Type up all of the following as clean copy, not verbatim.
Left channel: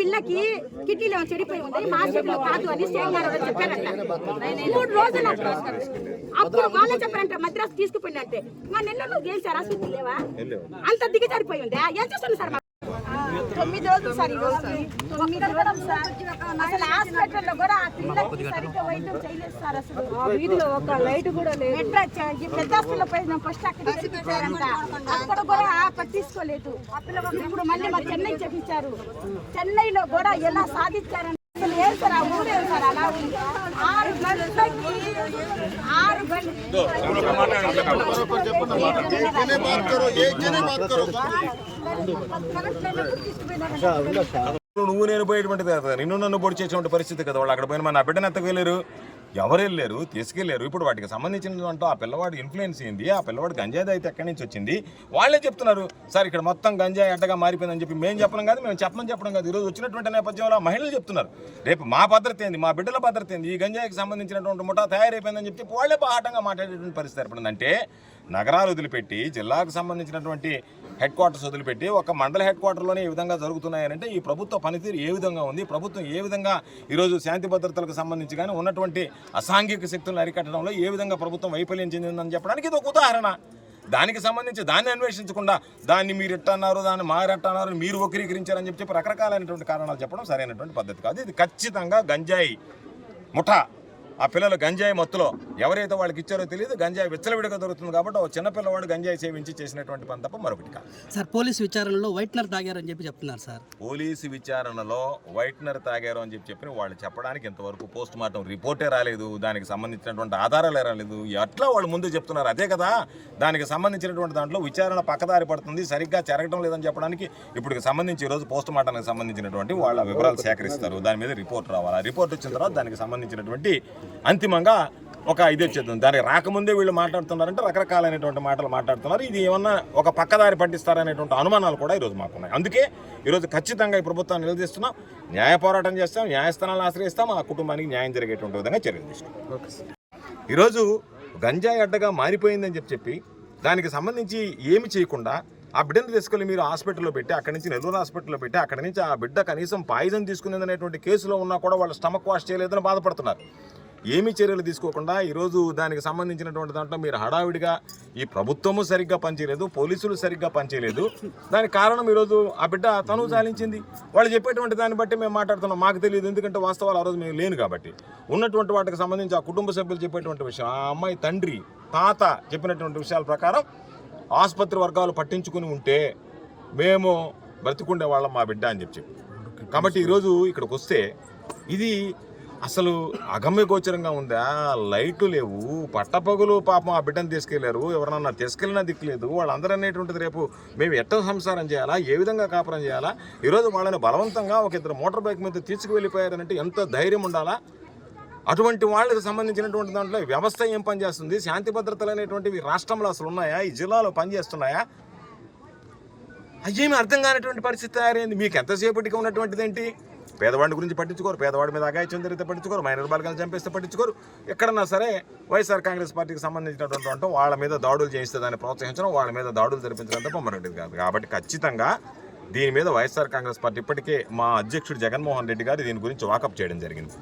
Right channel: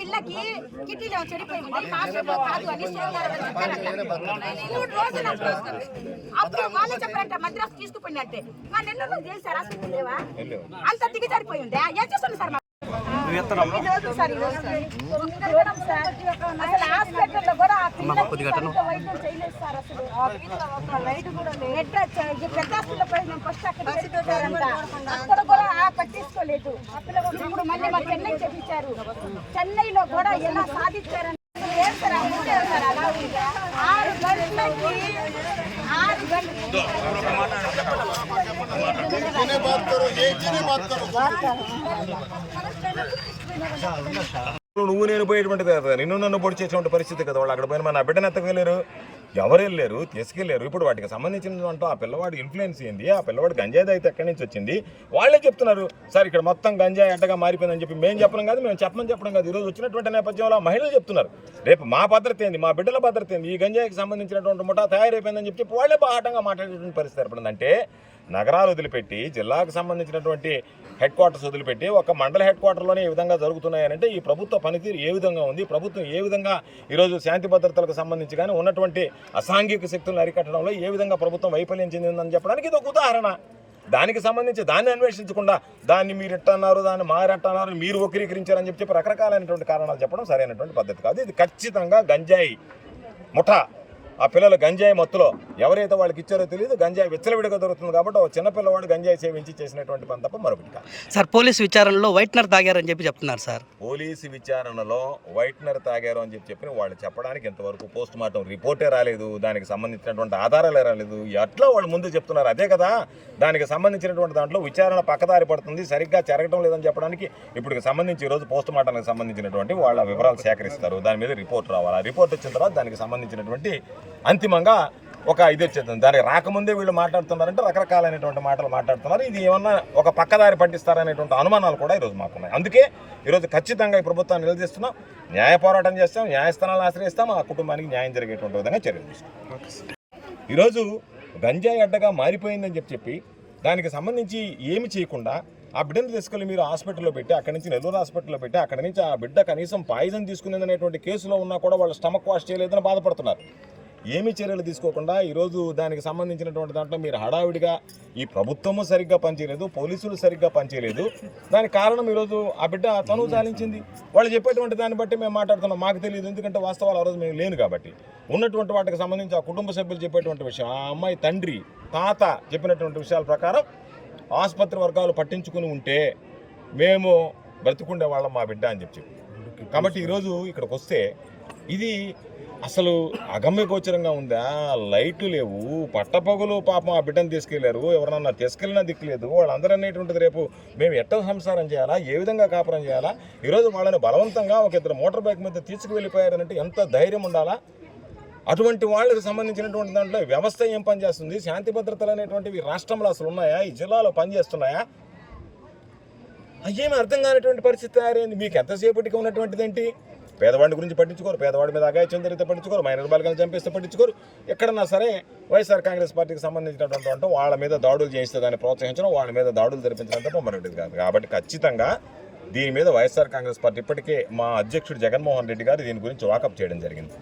పిల్లకి కిడ్నీలో చెడిపోయి ఉంది కాదు అని చెప్పారంట. 3 రోజులు అప్పుడు వాళ్ళు చెప్పారంట మద్రాసు తీసుకుపోయినట్టే. మా నెలలో చేశారు అసలు లేవా అంత దిగజారిపోయి ఉంది. ఏం చేస్తుంది సార్? 9 రోజులు సార్. 9 రోజులు సార్. అసలు హాస్పిటల్లో కూడా ఆ పిల్లకి సరిగ్గా వైద్యం చేయలేదు సార్. అసలు ఆ వీధిలో ఒక లైట్ కూడా లేదు. పెద్ద హాస్పిటల్లో పోయి మేము ఫస్ట్ అక్కడ కూడా పట్టించుకోలేదు. ఇప్పుడు మళ్ళీ మా చెన్నై చేపించారు. చెన్నైలో కూడా ఎలా సాధించారని ఏం సార్ ఆ ఊరే సార్ అలా ఉంది. 6 గంటలకి 6 గంటలు నువ్వు నేను పోయేటువంటిది కదా, నిన్ను నన్ను పొడి చేసేటువంటి పరిస్థితి కదా. వాళ్ళు అక్కడ పోయిన నా బిడ్డను ఎత్తకెళ్ళారు, ఎవరు వెళ్ళారు, తీసుకెళ్లారు. ఇప్పుడు వాటికి సంబంధించిన దాంట్లో ఆ పిల్లవాడి ఇన్ఫ్లుయెన్స్ ఏంది, ఆ పిల్లవాడి గంజాయి అయితే ఎక్కడి నుంచి వచ్చింది వాళ్ళే చెప్తున్నారు. సార్ ఇక్కడ మొత్తం గంజాయి అడ్డగా మారిపోయిందని చెప్పి మేము చెప్పడం కాదు, మేము చెప్పడం కాదు. ఈరోజు వచ్చినటువంటి నేపథ్యంలో ఆ మహిళలు చెప్తున్నారు రేపు మా భద్రత ఏంది, మా బిడ్డల భద్రత ఏంది, ఈ గంజాయికి సంబంధించినటువంటి ముఠా తయారైపోయిందని చెప్పి వాళ్ళే బాహటంగా మాట్లాడేటువంటి పరిస్థితి ఏర్పడిందంటే నగరాలు వదిలిపెట్టి జిల్లాకు సంబంధించినటువంటి హెడ్ క్వార్టర్స్ వదిలిపెట్టి ఒక మండల హెడ్ క్వార్టర్లోనే ఈ విధంగా జరుగుతున్నాయనంటే ఈ ప్రభుత్వ పనితీరు ఏ విధంగా ఉంది, ప్రభుత్వం ఏ విధంగా ఈరోజు శాంతి భద్రతలకు సంబంధించి కానీ ఉన్నటువంటి అసాంఘిక శక్తులను అరికట్టడంలో ఏ విధంగా ప్రభుత్వం వైఫల్యం చెందిందని చెప్పడానికి ఇది ఒక ఉదాహరణ. దానికి సంబంధించి దాన్ని అన్వేషించకుండా దాన్ని మీరు ఎట్టన్నారు, దాన్ని మారెట్టన్నారు, మీరు వక్రీకరించారని చెప్పి రకరకాలైనటువంటి కారణాలు చెప్పడం సరైనటువంటి పద్ధతి కాదు. ఇది ఖచ్చితంగా గంజాయి ముఠా, ఆ పిల్లలు గంజాయి మత్తులో ఎవరైతే వాళ్ళకి ఇచ్చారో తెలియదు, గంజాయి విచ్చలవిడిగా దొరుకుతుంది కాబట్టి ఒక చిన్నపిల్లవాడు గంజాయి సేవించి చేసినటువంటి పని తప్ప మరొకటి కాదు. సార్ పోలీసు విచారణలో వైట్నర్ తాగారని చెప్పి చెప్తున్నారు సార్. పోలీసు విచారణలో వైట్నర్ తాగారు అని చెప్పి వాళ్ళు చెప్పడానికి ఇంతవరకు పోస్ట్ మార్టం రిపోర్టే రాలేదు, దానికి సంబంధించినటువంటి ఆధారాలే రాలేదు. ఎట్లా వాళ్ళు ముందు చెప్తున్నారు అదే కదా, దానికి సంబంధించినటువంటి దాంట్లో విచారణ పక్కదారి పడుతుంది, సరిగ్గా జరగడం లేదని చెప్పడానికి ఇప్పుడు సంబంధించి ఈరోజు పోస్ట్ మార్టానికి సంబంధించినటువంటి వాళ్ళ వివరాలు సేకరిస్తారు, దాని మీద రిపోర్ట్ రావాలి. ఆ రిపోర్ట్ వచ్చిన తర్వాత దానికి సంబంధించినటువంటి అంతిమంగా ఒక ఇది వచ్చేస్తుంది. దానికి రాకముందే వీళ్ళు మాట్లాడుతున్నారంటే రకరకాలైనటువంటి మాటలు మాట్లాడుతున్నారు. ఇది ఏమన్నా ఒక పక్కదారి పట్టిస్తారనేటువంటి అనుమానాలు కూడా ఈరోజు మాకున్నాయి. అందుకే ఈరోజు ఖచ్చితంగా ఈ ప్రభుత్వాన్ని నిలదీస్తున్నాం, న్యాయ పోరాటం చేస్తాం, న్యాయస్థానాలను ఆశ్రయిస్తాం, ఆ కుటుంబానికి న్యాయం జరిగేటువంటి విధంగా చర్యలు తీసుకుంటాం. ఈరోజు గంజాయి అడ్డగా మారిపోయిందని చెప్పి దానికి సంబంధించి ఏమి చేయకుండా ఆ బిడ్డను తీసుకెళ్ళి మీరు హాస్పిటల్లో పెట్టి అక్కడి నుంచి నెల్లూరు హాస్పిటల్లో పెట్టి అక్కడి నుంచి ఆ బిడ్డ కనీసం పాయిజన్ తీసుకునేదనేటువంటి కేసులో ఉన్నా కూడా వాళ్ళు స్టమక్ వాష్ చేయలేదని బాధపడుతున్నారు. ఏమి చర్యలు తీసుకోకుండా ఈరోజు దానికి సంబంధించినటువంటి దాంట్లో మీరు హడావిడిగా ఈ ప్రభుత్వము సరిగ్గా పనిచేయలేదు, పోలీసులు సరిగ్గా పనిచేయలేదు. దానికి కారణం ఈరోజు ఆ బిడ్డ తను చాలించింది. వాళ్ళు చెప్పేటువంటి దాన్ని బట్టి మేము మాట్లాడుతున్నాం, మాకు తెలియదు, ఎందుకంటే వాస్తవాలు ఆ రోజు మేము లేను కాబట్టి. ఉన్నటువంటి వాటికి సంబంధించి ఆ కుటుంబ సభ్యులు చెప్పేటువంటి విషయం, ఆ అమ్మాయి తండ్రి తాత చెప్పినటువంటి విషయాల ప్రకారం ఆసుపత్రి వర్గాలు పట్టించుకుని ఉంటే మేము బ్రతికుండే వాళ్ళం మా బిడ్డ అని చెప్పి. కాబట్టి ఈరోజు ఇక్కడికి వస్తే ఇది అసలు అగమ్య గోచరంగా ఉందా, లైట్లు లేవు, పట్టపగులు పాపం ఆ బిడ్డను తీసుకెళ్లారు, ఎవరన్నా తీసుకెళ్ళినా దిక్కులేదు. వాళ్ళందరూ అనేటువంటిది రేపు మేము ఎట్ట సంసారం చేయాలా, ఏ విధంగా కాపురం చేయాలా, ఈరోజు వాళ్ళని బలవంతంగా ఒక ఇద్దరు మోటార్ బైక్ మీద తీసుకువెళ్ళిపోయారంటే ఎంత ధైర్యం ఉండాలా. అటువంటి వాళ్ళకి సంబంధించినటువంటి దాంట్లో వ్యవస్థ ఏం పనిచేస్తుంది, శాంతి భద్రతలు అనేటువంటివి రాష్ట్రంలో అసలు ఉన్నాయా, ఈ జిల్లాలో పనిచేస్తున్నాయా, అయ్యేమి అర్థం కానిటువంటి పరిస్థితి తయారైంది. మీకు ఎంతసేపటికి ఉన్నటువంటిది ఏంటి, పేదవాడి గురించి పట్టించుకోరు, పేదవాడి మీద అగాయిత్యం జరిగితే పట్టించుకోరు, మైనర్ బాలికలను చంపేస్తే పట్టించుకోరు. ఎక్కడన్నా సరే వైఎస్ఆర్ కాంగ్రెస్ పార్టీకి సంబంధించినటువంటి వాళ్ళ మీద దాడులు చేయిస్తే దాన్ని ప్రోత్సహించడం, వాళ్ళ మీద దాడులు జరిపించడం తప్ప మరొకటి కాదు. కాబట్టి ఖచ్చితంగా దీని మీద వైఎస్ఆర్ కాంగ్రెస్ పార్టీ ఇప్పటికే మా అధ్యక్షుడు జగన్మోహన్ రెడ్డి గారు దీని గురించి వాకప్ చేయడం జరిగింది.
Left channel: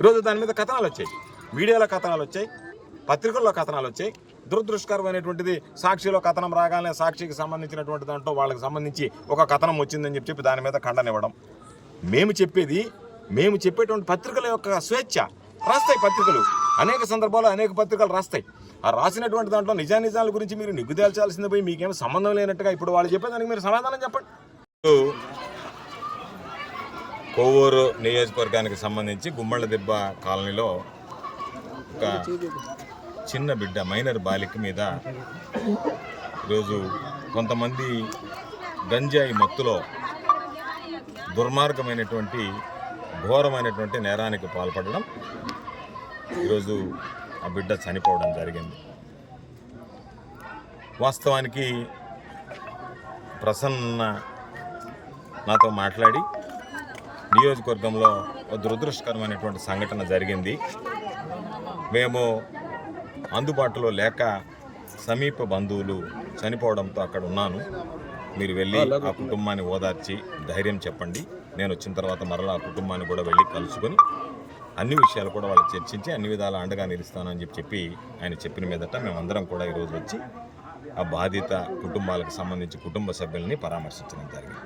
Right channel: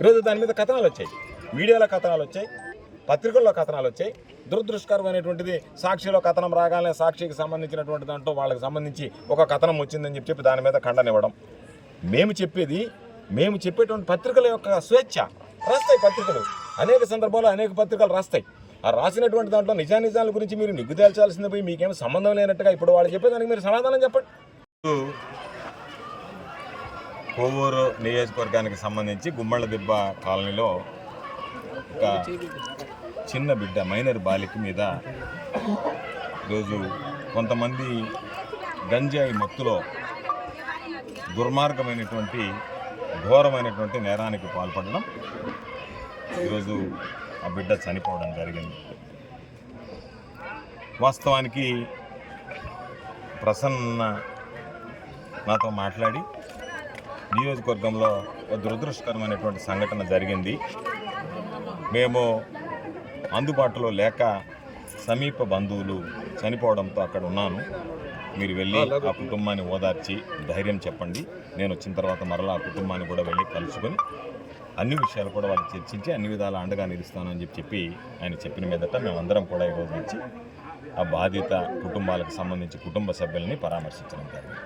ఈరోజు దాని మీద కథనాలు వచ్చాయి, మీడియాలో కథనాలు వచ్చాయి, పత్రికల్లో కథనాలు వచ్చాయి. దురదృష్టకరమైనటువంటిది సాక్షిలో కథనం రాగానే సాక్షికి సంబంధించినటువంటి దాంట్లో వాళ్ళకి సంబంధించి ఒక కథనం వచ్చిందని చెప్పి దాని మీద ఖండనివ్వడం. మేము చెప్పేటువంటి పత్రికల యొక్క స్వేచ్ఛ, రాస్తాయి పత్రికలు, అనేక సందర్భాల్లో అనేక పత్రికలు రాస్తాయి. ఆ రాసినటువంటి దాంట్లో నిజానిజాల గురించి మీరు నిగ్గు తేల్చాల్సింది పోయి మీకేమో సంబంధం లేనట్టుగా ఇప్పుడు వాళ్ళు చెప్పేదానికి మీరు సమాధానం చెప్పండి. కోవూరు నియోజకవర్గానికి సంబంధించి గుమ్మళ్ళ దిబ్బ కాలనీలో ఒక చిన్న బిడ్డ మైనర్ బాలిక మీద ఈరోజు కొంతమంది గంజాయి మత్తులో దుర్మార్గమైనటువంటి ఘోరమైనటువంటి నేరానికి పాల్పడడం, ఈరోజు ఆ బిడ్డ చనిపోవడం జరిగింది. వాస్తవానికి ప్రసన్న నాతో మాట్లాడి నియోజకవర్గంలో ఒక దురదృష్టకరమైనటువంటి సంఘటన జరిగింది, మేము అందుబాటులో లేక సమీప బంధువులు చనిపోవడంతో అక్కడ ఉన్నాను, మీరు వెళ్ళి ఆ కుటుంబాన్ని ఓదార్చి ధైర్యం చెప్పండి, నేను వచ్చిన తర్వాత మరలా ఆ కుటుంబాన్ని కూడా వెళ్ళి కలుసుకొని అన్ని విషయాలు కూడా వాళ్ళు చర్చించి అన్ని విధాల అండగా నిలుస్తానని చెప్పి ఆయన చెప్పిన మీదట మేమందరం కూడా ఈరోజు వచ్చి ఆ బాధిత కుటుంబాలకు సంబంధించి కుటుంబ సభ్యులని పరామర్శించడం జరిగింది.